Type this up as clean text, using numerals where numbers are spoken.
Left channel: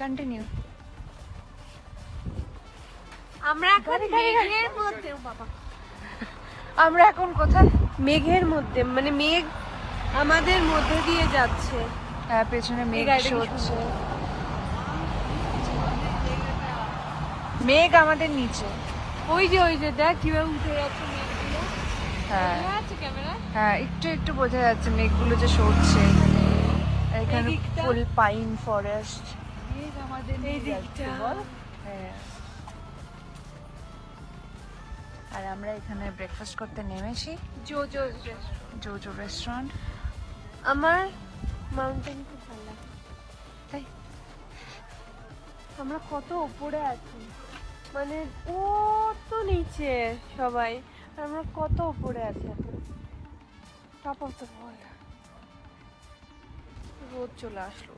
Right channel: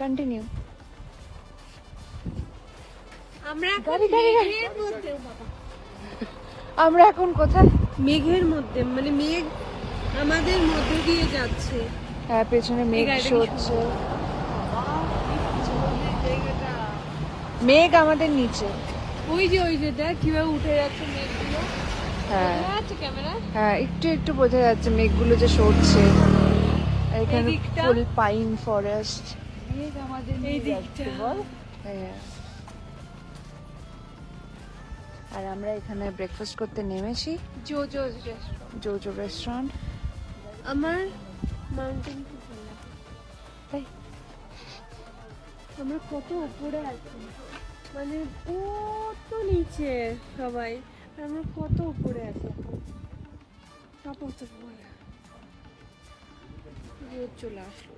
Continue. আমরা এখন মেঘের মধ্যে, বাবা আমরা এখন কোথায়? মেঘের মধ্যে, মানে মেঘ আমাদের মধ্যে দিয়ে যাচ্ছে। হ্যাঁ, পেছনে মেঘ হচ্ছে, মেঘ আমাদের নিচে। ওই যে দেখ কিভাবে উঠে যাচ্ছে মেঘগুলো। হ্যাঁ হ্যাঁ, একটু একটু বোঝা যাচ্ছে মেঘগুলো যে সরছে। এখানে দিকটা? ফুল পাইন ফরেস্ট। এই দিকটা হ্যাঁ। আর আমরা এখানে ব্রেকফাস্ট করতে নেমেছি জোজো রেস্টুরেন্ট। আমার মাউন্টেন খুব ভালো লাগে। আমরা কত উপরে আছি, মানে কত নিচে সবাই, আর আমরা কত উপরে আছি এখন। Top of the world. রোদ চলে আসলো।